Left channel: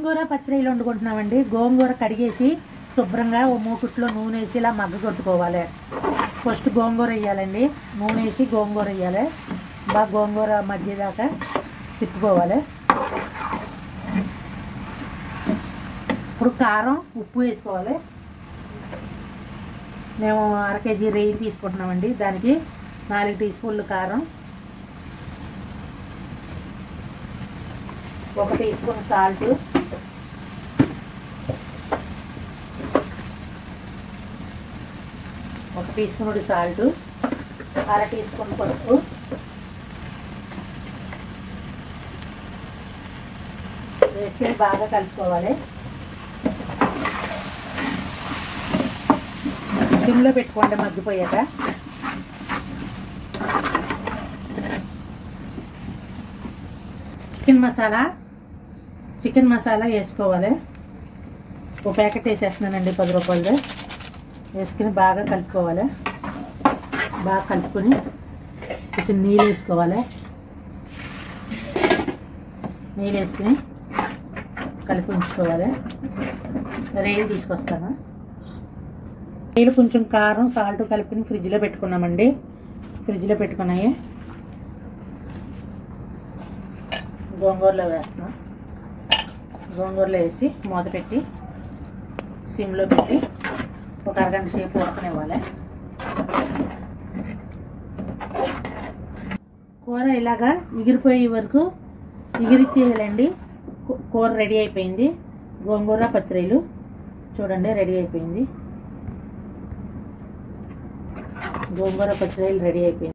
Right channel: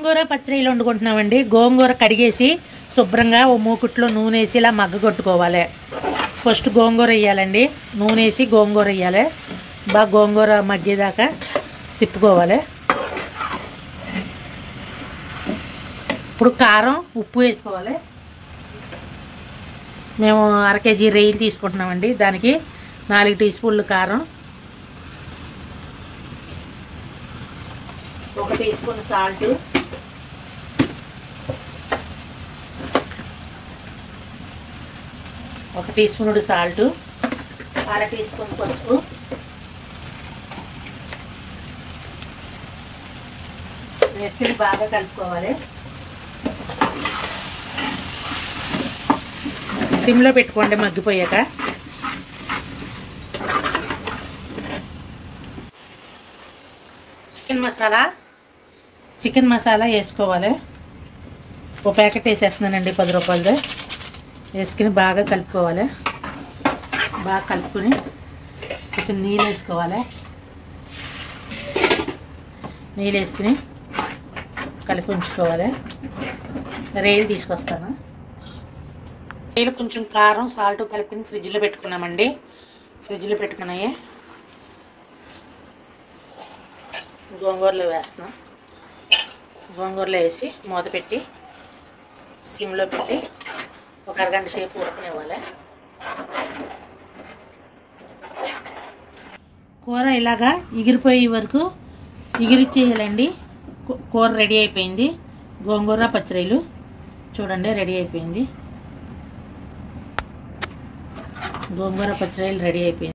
గోంగూర పచ్చడిలు వండుకుంటున్నామండి. గోంగూర కడిగేసి శుభ్రంగా ఓ మూకుట్లో నూనె వేసి ఇలా మగ్గ కొట్టుకోవాలి. ఫస్ట్ గోంగూర వేయాలండి. నూనె వేసి గోంగూర వేయాలి. బాగా గోంగూర మగ్గేదాకా తిప్పుకోవాలి. ఇప్పుడు కారం, ఉప్పు వేసుకోవాలి. మేము 1/2 కేజీ రొయ్యలు తీసుకుంటున్నామండి. దానికి 4 టీ స్పూన్లు కారం, 1 teaspoon salt, 1 teaspoon salt, 1/2 teaspoon పసుపు, వేసుకుని బాగా కలుపుకోవాలి. సిమ్లో పెట్టుకోండి మగ్గిపోయాక. చికెన్ మసాలా వేసుకోవాలి. ఒక ప్యాకెట్ వేసేస్తున్నానండి, 10 రూపాయలది. వేసుకుని బాగా కలుపుకోవాలి. బాగా కలుపుకొని కొంచెం నీళ్ళు వేసుకోవాలి. నీళ్ళు వేసుకుని కలిపి ఉంచుకోవాలి. రొయ్యలు తీసుకొస్తాను. రొయ్యలు కొంచెం కారం, సాల్ట్ కలిపి ఫ్రిడ్జ్లో పెట్టుకున్నామండి. ఫ్రిడ్జ్లో పెట్టుకున్నాయి. గోంగూరలో వేస్తున్నాం. గోంగూరలో వేసి మూత పెట్టి సిమ్లో పెట్టి ఒక అరగంట సేపు ఉడకనివ్వాలి. కూర ఇలాగా ఎగిరిపోయే వరకు ఎగిరిచ్చేయాలండి. కూర రెడీ అయిపోయింది. గోంగూర పచ్చడిలు చూడండి రెడీ అయిపోయింది. గోంగూర పచ్చడిలు రెడీ అయిపోయింది.